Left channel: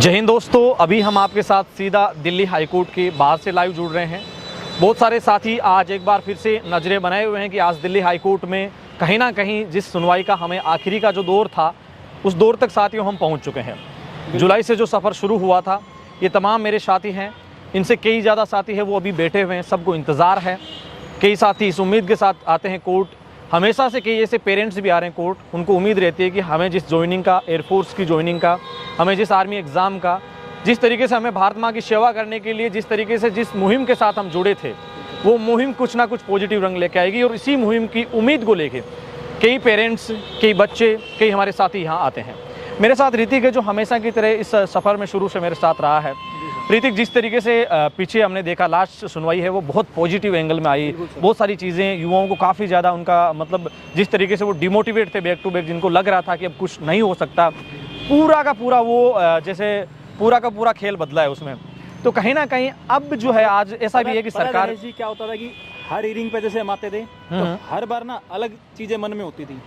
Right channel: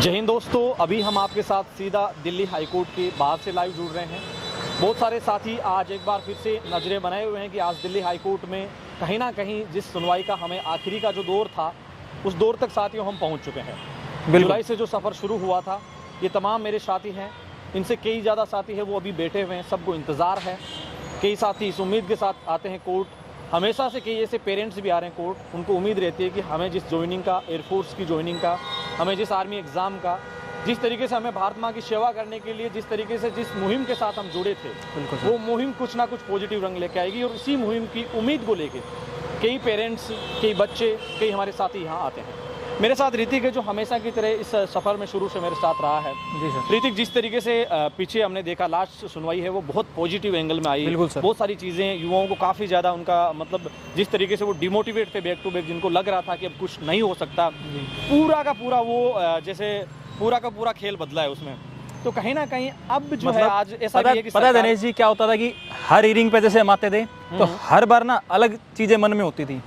जय हिंद दोस्तों, अभी हम आपके साथ सीधा दिल्ली हाई कोर्ट के बाहर से लाइव जुड़ रहे हैं। बहुत सारे साथी आज एक बार फिर से नज़रें बनाए हुए हैं कि आज दिल्ली हाई कोर्ट में कहीं ना कहीं जिस सुनवाई का हमें आखिरी का जो दौर था उस दौर तक साथियों हम पहुंच चुके हैं। जुलाई से जो सफ़र शुरू हुआ था, ये तमाम मेरे साथी हैं, इनसे कई ज़्यादा साथी हैं वो अभी बैठे हुए हैं, सबको इंतज़ार है। कई साथी इस उम्मीद के साथ आते हैं कोर्ट, हमेशा से कई ऐसे पेरेंट्स भी आ रहे हैं कोर्ट, उनको उम्मीद रहती है कि हमें जिस ज्वाइनिंग का, एयरफोर्स की ज्वाइनिंग का, हमें जिस आर्मी एग्ज़ाम का, जिस तरीके से हमें भारत माँ की सेवा करने के लिए जिस तरीके से जिस मुहिम के साथ हम जुड़े थे, वो मुहिम कुछ ना कुछ पॉजिटिव रंग लेके आएगी। और इसी मुहिम की उम्मीद को लेके कई पेरेंट्स, कई बच्चे, कई हमारे साथी यहाँ आते हैं। मेरे साथ ऋतिक है जो हमेशा की तरह इस सफ़र में शुरू से मेरे साथ रहा है। ऋतिक, जिस तरीके से पीछे हमने देखा लास्ट सुनवाई है वो बहुत पॉजिटिव एंगल में आई, बहुत सारी चीज़ें युवाओं को काफ़ी ज़्यादा उनका मतलब जिस तरीके से वो डिमोटिवेट थे बैक टू बैक, जिनको लग रहा था कि अब कुछ नहीं हो सकता, पूरा का पूरा वो जैसे पूरा का पूरा खेल बदला है उसमें। तो कहीं ना कहीं अब जो है आज ऐसा भी है कि पता गणेश जी क्या होता था कि हर हियरिंग पे जैसे हम आते थे तो हर बार ना अलग चीजें मन में होती थी।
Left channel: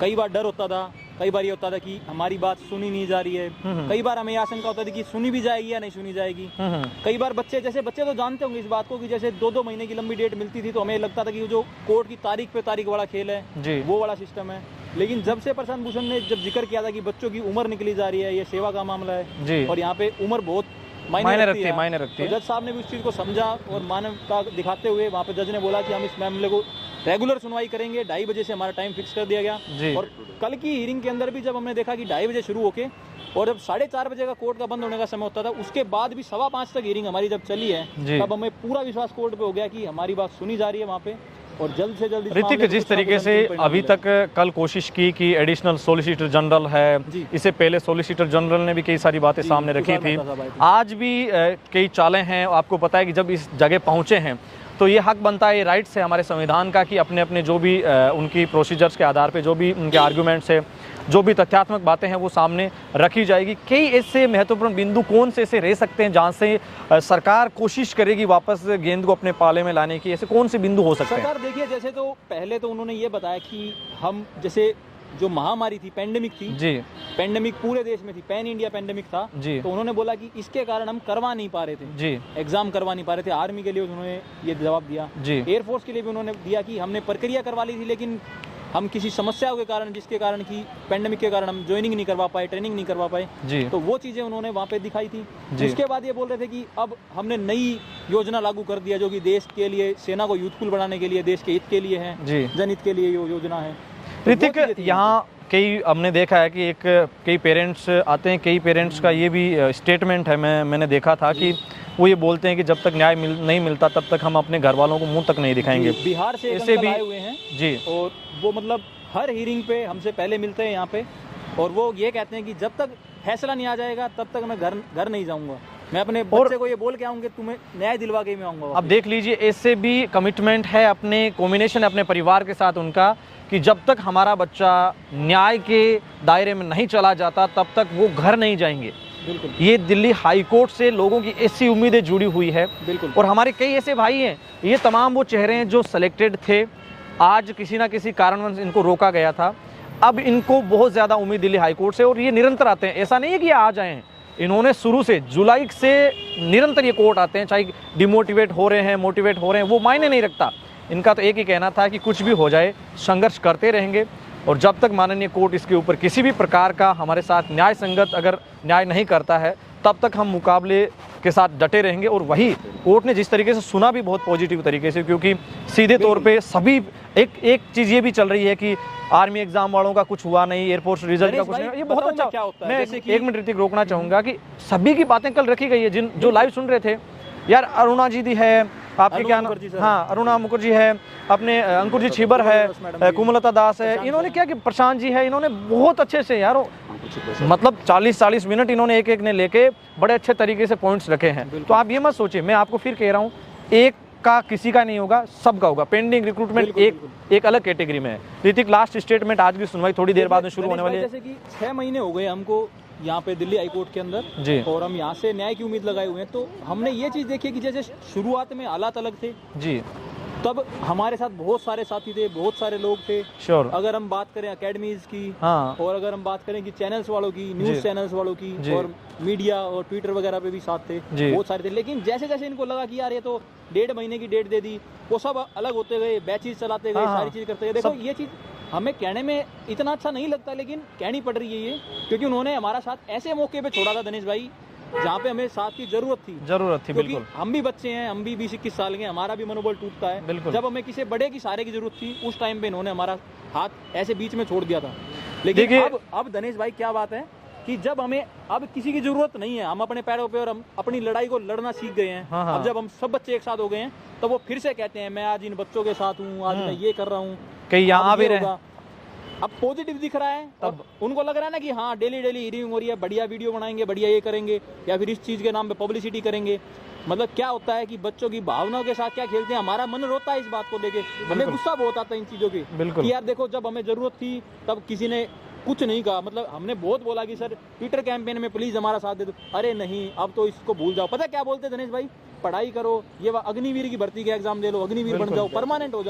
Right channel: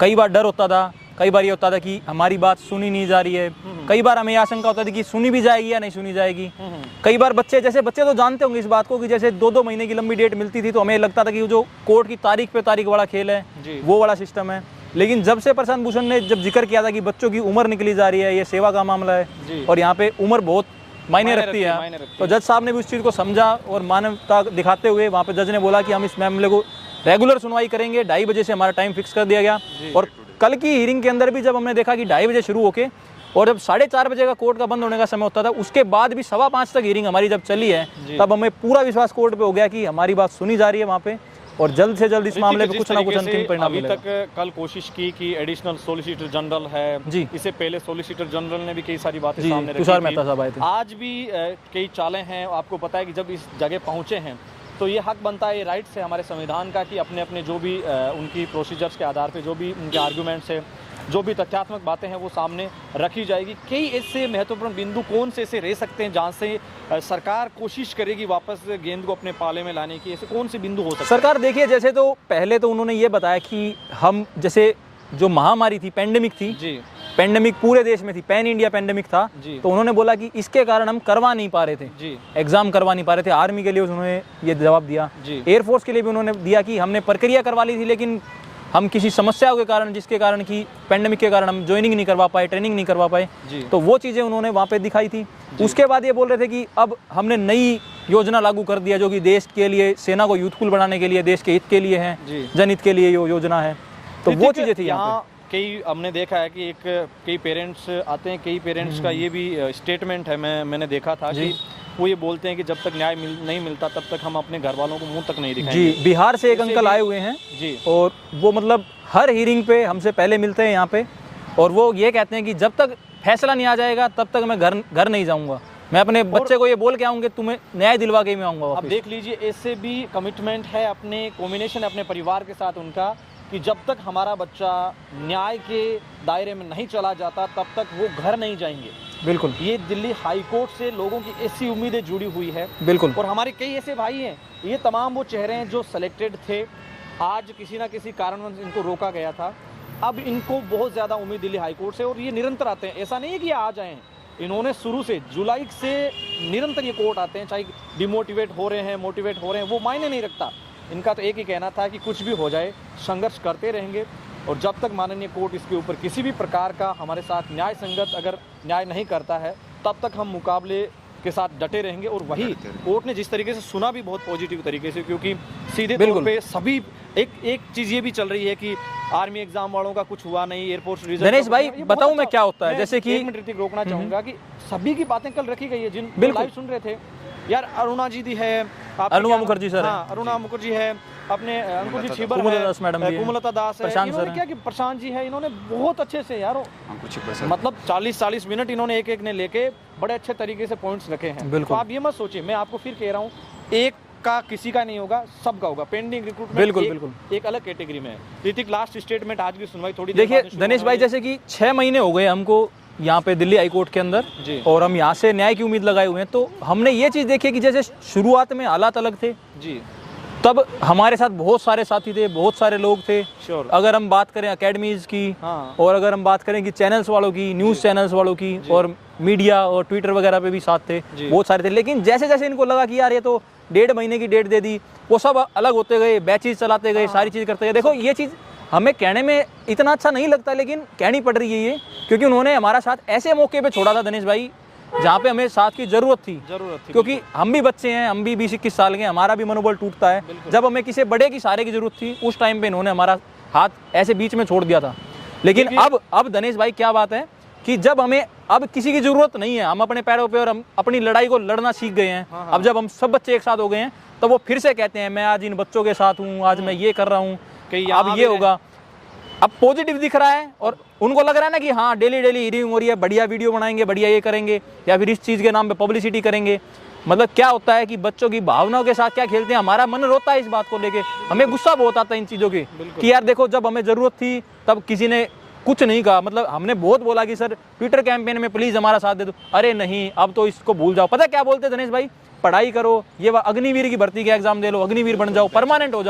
कई बार डर होता था, कई बार ये होता था कि हमारी बात सुनी नहीं जा रही है, कई बार हमें आशंका होता थी कि सुनी भी जाएगी या नहीं सुनी जाएगी। कई बार बच्चे तो जानते होंगे इस बात को कि जैसे 2-2 महीने की लंबी डेट मिलती थी तो हमें लगता था कि जो कोर्ट की तारीख पे तारीख वाला खेल है वो वाला सिस्टम है। लेकिन जब से प्रशांत भूषण ने जब जिक्र किया था कि बच्चों की उम्र निकली जा रही है, ये सेवा का मामला है और यहाँ पे उम्र बहुत मायने रखती है, तो जज साहब ने भी उस चीज़ को समझा और मानवता दिखाते हुए वहाँ पे जज ने बोला कि हम इस मामले को रेगुलर सुनवाई करेंगे। 2:30 बजे से हमारा टाइम फिक्स कर दिया गया। और कल की हियरिंग के अंदर भी जब हमने देखा कि 2:30 बजे शुरू होके और जब 4:30 बजे का कोर्ट का बंद होने का समय होता था, उसके बाद भी 5:15 तक हियरिंग हमारी जब चली है, तब हमें पूरा विश्वास कोर्ट पे हो गया कि हमारी बात सुनी जा रही है वहाँ पे और जल्द से जल्द इस मामले को जिस तरीके से अभी तक कल कोशिश की कि एडिशनल सॉलिसिटर जनरल है, इससे पहले सॉलिसिटर जनरल ने भी कई सारी बातें सामने रखी थी। आज भी कई चालें हैं। आपको पता है कि जब इस जगह पहुंचे हैं तो ये हक बनता है, ये राइट्स है हमारे संविधान का कि अपने अपने जो भी उनकी प्रोसीजर्स के आधार पे जो भी उनके आर्गूमेंट्स है, जो भी तथ्यात्मक बातें हैं वो सामने रखी जाएगी। कई ऐसे महत्वपूर्ण बिंदु कौन से ऐसे रह सकते हैं जहाँ से सरकार कोशिश करेगी वापस गेंद को अपने पाले में लाने की, ऐसे कौन से बिंदु हो सकते हैं? सरकार देखिए, जैसे तो पहले तो उन्होंने ये बताया कि हम जैसे जो महामारी थी, पेंडेमिक थी जी, पेंडेमिक पूरे देश में थी, पैन इंडिया पेंडेमिक था जी, तो उन्होंने बोला कि इसके कारण हम करवा नहीं पा रहे थे जी, एग्जाम करवा नहीं पा रहे थे। आर्मी के लिए उन्होंने ये जवाब दिया जी, एयरफोर्स के लिए भी उन्होंने दिया कि हमने प्रक्रिया करवा ली थी लेकिन हम किसी समस्याओं के कारण, जिसके कारण कि पेंडेमिक के कारण हम ज्वाइनिंग नहीं करवा पाए, ट्रेनिंग नहीं करवा पाए जी, तो वो चीज़ें उन्होंने वहाँ पे दिखाई थी। उसके बाद ये बोल रहे थे कि अब हमने नई योजना लागू कर दिया जो कि देश के लिए, सेना को यूथफुल बनाने के लिए, देश के हित के लिए है, जनहित के लिए ये योजना है। तो वो चीज़ें थी। यहाँ कई हमने देखा है कि कई पेरेंट्स आते हैं, कई पेरेंट्स का ये भी स्टेटमेंट है, मैंने देखा था कि वो ये बोलते हैं कि जब तक न्याय नहीं मिलता तब तक हम अपने घर वालों को मुंह तक नहीं दिखाएंगे। बिहार से एक अंकल आए हुए हैं जी, और वो मतलब हर हियरिंग पे हमसे पहले मिलते हैं यहाँ पे, और वो ये कहते हैं कि जब तक फैसला नहीं आ जाएगा तब तक मैं घर नहीं जाऊँगा, मैं अपने बच्चे को ये बोल के आऊँगा तुम्हें न्याय दिलवा के मैं आऊँगा। अब देख लीजिए, ऐसे भी कमिटमेंट है, अपने कॉम्बिनेशन अपने परिवार के साथ उनका कि जब तक हमारा बच्चा न्याय के दायरे में नहीं चला जाता तब तक वो घर नहीं जाएंगे। बिल्कुल, ये दिल्ली हाई कोर्ट से लोगों की ऐसी उम्मीदें जुड़ी हुई है। बिल्कुल, और हमारे कई ऐसे भाई हैं, ये तमाम वो चेहरे हैं जो सेलेक्टेड थे, आज किसी ना किसी कारणवश इनको रोका गया था, अब इनको बहुत ज़्यादा उम्मीद दिल्ली हाई कोर्ट से, और ये निरंतर आते हैं। ऐसा नहीं है कि आज आए हैं, इन्होंने शुरू से जुलाई से निरंतर ये कोर्ट आते हैं, चाहे डिमोटिवेट हो रहे हैं, मोटिवेट हो रहे हैं, वो मायने नहीं रखता। इनका तो एक ही कहना था कि कुछ भी हो जाए संघर्ष करते रहेंगे, और जब तक माननीय कोर्ट इसके ऊपर किसी भी प्रकार का हमारे साथ न्याय संगत अगर न्याय नहीं करता है तब तक हम मुकाबले के साथ डटे रहेंगे। और वही कोर्ट ने जिस तरीके से सुना भी बहुत पॉजिटिव तरीके से, क्योंकि सीधे तौर पे सभी एक चीज़ ये भी चल रही है कि आर्मी एग्जाम वालों का कुछ हुआ नहीं, एयरफोर्स रिजल्ट। गणेश भाई बताऊं मैं क्या होता है, जैसे कि 1 मिनट ऋतिक रोकना चाहूँगा कि सभी की बातें कल रखी गई है, जो लाइव सुन रहे थे यार, अरुणा जी है, अरुणा मुखर्जी सर, हाँ अरुणा मुखर्जी है, अपने अंकुर जी छिबर है, कुमलता दास है, इन्होंने क्या कि प्रशांत जी है, इन्होंने बहुत अच्छे से यार मतलब 40-40 मिनट इन्होंने एक ने लेके बड़े अच्छे तरीके से पॉइंट्स रखे हैं। तो आप ये मत सोचिए, मैं आपको फिर कह रहा हूँ, एक का किसी का नहीं होगा, सबका होगा। पेंडिंग रिक्रूटमेंट एक अलग कैटेगरी में है। ऋतिक, लास्ट स्टेटमेंट, आज भी सुनवाई थोड़ी देर बाद गणेश भाई, जैसे कि 6 महीने हो गए हमको यहाँ पे दिल्ली हाई कोर्ट के अंदर जी, और हम यहाँ से न्याय की उम्मीद लगाए हुए हैं, तो हमने ये चीज़ देखी कि जैसे शुरुआत में हालात अलग थे जी, तब हमारे साथ बहुत सारे साथी थे, बहुत सारे लोग थे। श्योर। अगर हम बात करें अकेडमीज की, हाँ। और अगर हम बात करें कि चैनल्स वालों की, न्यूज़ चैनल्स वालों की, और मीडिया और ट्विटर वगैरह पे भी साथ थे, बहुत सारे थे। लेकिन जैसे जैसे इनको लगा कि यार ये तो 1.5 महीने की डेट दे दी, वो सब अलग होते गए, बैचेज चलाते गए, सारी चीज़ करते गए। देखो ये चीज़ हमें कहने में इतना अच्छा नहीं लगता, लेकिन कहनी पड़ रही है ये, क्योंकि उन्होंने हमारा साथ ऐसे मौके पे छोड़ा था दिनेश भाई जहाँ पे हमें साथ की जरूरत थी। क्योंकि हम भी बच्चे हैं, हम भी 20-21 साल के हैं, हमारा भी मनोबल टूटता है। जब हमें किसी बड़े की सहारे की जरूरत थी, उस टाइम पे इन्होंने हमारा हाथ ऐसे बीच में छोड़ दिया था। लेकिन अब दिनेश भाई क्या बात है कि जब हमें अब किसी की जरूरत नहीं है, हम अपने पैरों पे और हम अपनी लड़ाई को लड़ना सीख गए हैं। अब जब हम सब बच्चे एक साथ हो गए हैं, तो वो फिर से कहते हैं मैं आज इन बच्चों के साथ हूँ, आज मैं ये कर रहा हूँ, अब ये होगा। अब पॉजिटिव दिख रहा है और उनको लग रहा है ना कि हाँ डेली हियरिंग हो रही है, बढ़िया वीडियो बनाएंगे, बढ़िया ये करेंगे, या फिर इस चीज़ के नाम पे पब्लिसिटी करेंगे। मतलब क्या होता है कि बच्चों की भावनाओं के साथ क्या खेलते हैं, हमारा मन रोता है इस बात को लेके, हमें गुस्सा बहुत आता है इन चीज़ों के कि यार देखो जब हमें ज़रूरत थी तब किसी ने कुछ नहीं कहा। मतलब हमने बहुत बोला कि सर ट्विटर कैंपेन में प्लीज़ हमारा साथ दे दो, अरे नहीं अब तो इसको भूल जाओ। पता है क्या बोलते दिनेश भाई, पढ़ाई करो, ये अग्निवीर की भर्ती के एग्जाम दे लो, अग्निवीर बन जाओ, परमानेंट हो जाओ।